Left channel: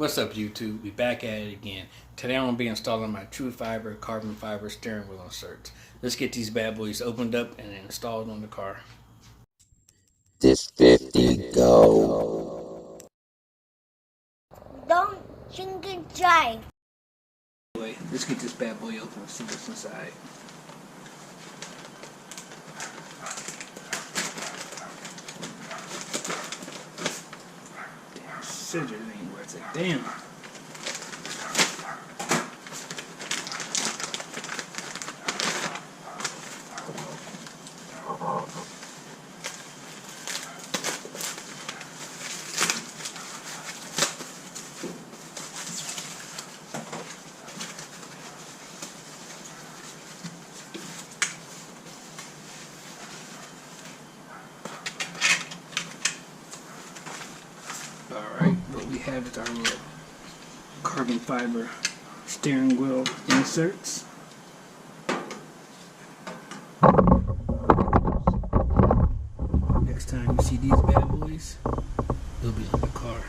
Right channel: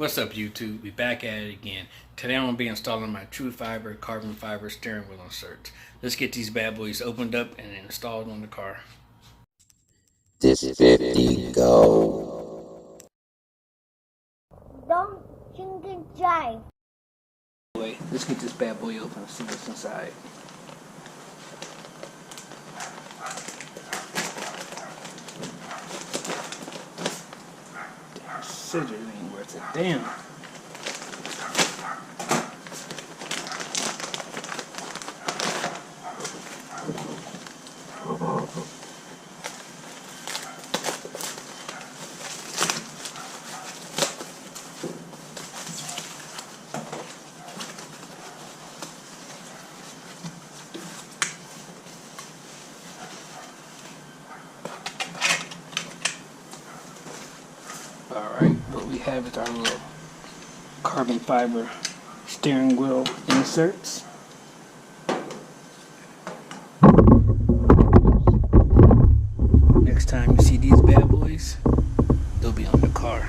What's up, YouTube? We back at it again. Today I'm going to be installing my Trufiber carbon fiber steering wheel inserts. Let's get these bad boys opened up and installed on the car. This 50 go. Don't drink and drive. Anyway, let's get this bad boy open and see what's inside. Damn, scissors ain't worth a damn. Alright, what we have is our little carbon fiber steering wheel inserts. Next time you see these bad boys, they'll be on the car.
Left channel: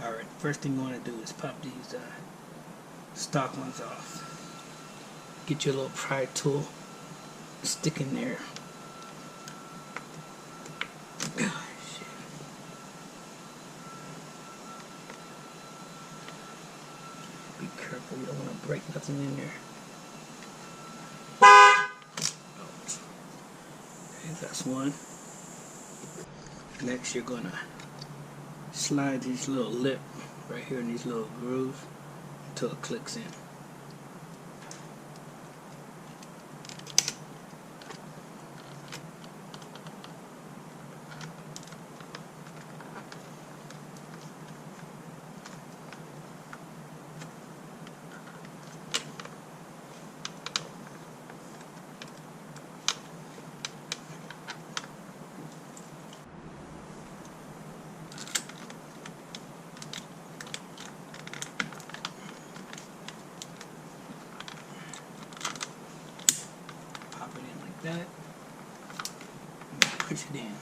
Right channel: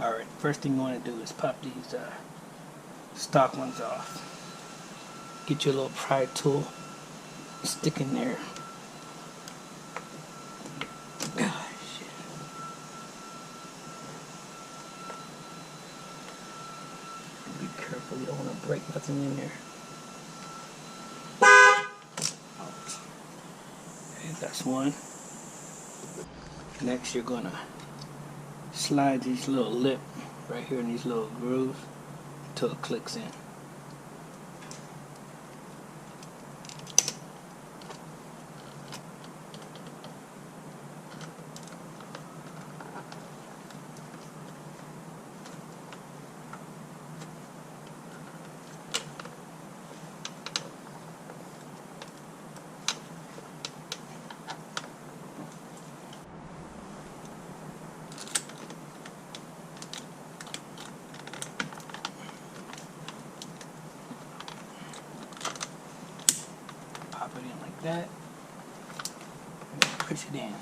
Alright, first thing you want to do is pop these stock ones off. Get your little pry tool, stick in there. Be careful, you don't want to break nothing in there. Ouch. Okay, that's one. Next, you're gonna slide this little lip right here in these little grooves until it clicks in. Pop it in like that, and push it in.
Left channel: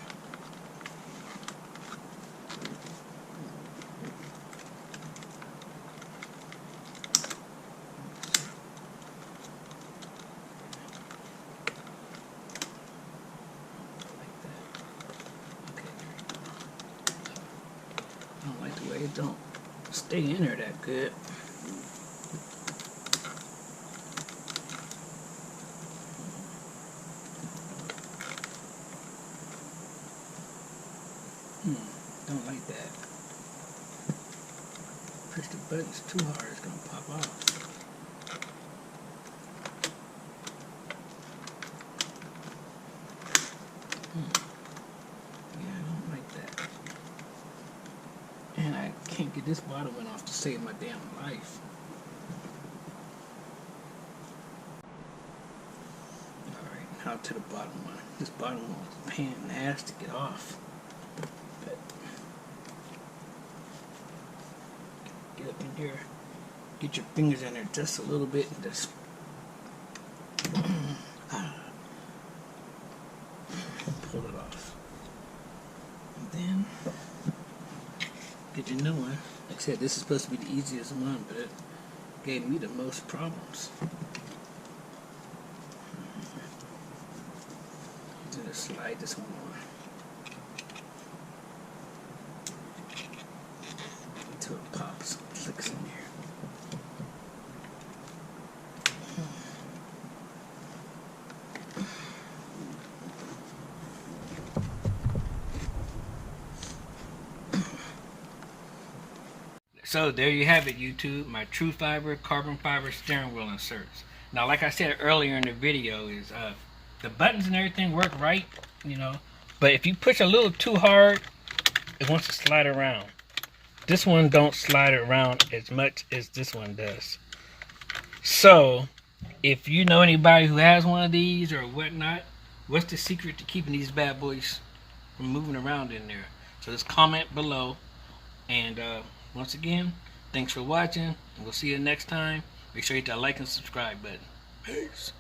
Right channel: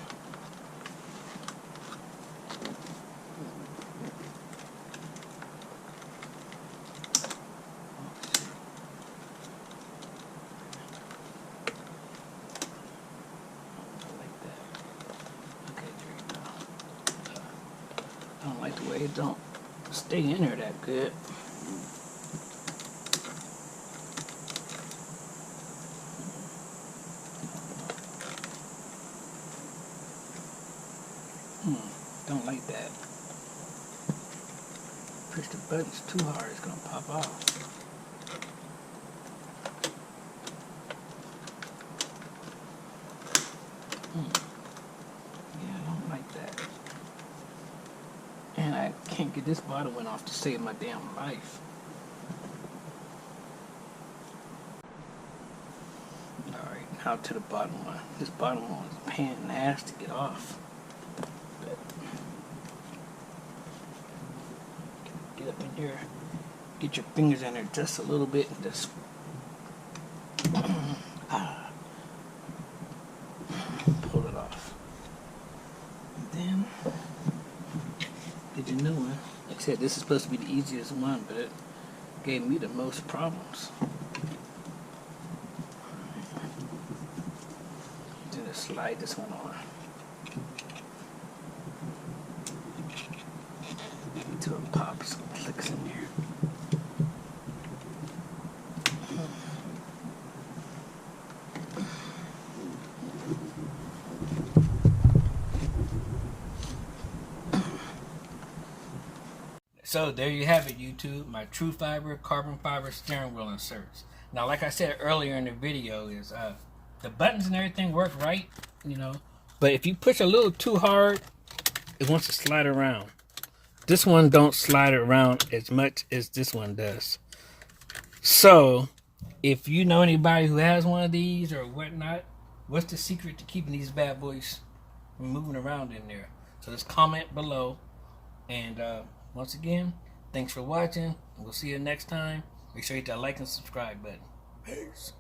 Like that. Okay, there you go. I don't like the way it don't stay in there that good. Don't like that. Push the buttons too hard, it's gonna pop off. Yeah, I don't like that. And I can't get this bottom one off to save my damn life. Alright, now to the bottom one. This bottom one is a pain in the ass to get off. But get up in here, get your fingers in there just a little bit and just pull it off. And then get your new one. Like I said, this is supposed to be the easiest one, but it gave me the most problems. Then just slide this one on until it pops, clicks in there. So there you have it, YouTube, my Trufiber carbon fiber steering wheel inserts. Now, like I said earlier in the video, is the buttons and everything work right, you know, but if you push a little too hard, it wants to slide around. This one don't slide around as much as this one does. So if you know anybody who has one of these or whatnot, what's the secret to keeping these bad boys from moving around in there? So just comment below. And once again, thanks for watching. We'll see you next time. Make sure you hit that like and subscribe button. Peace.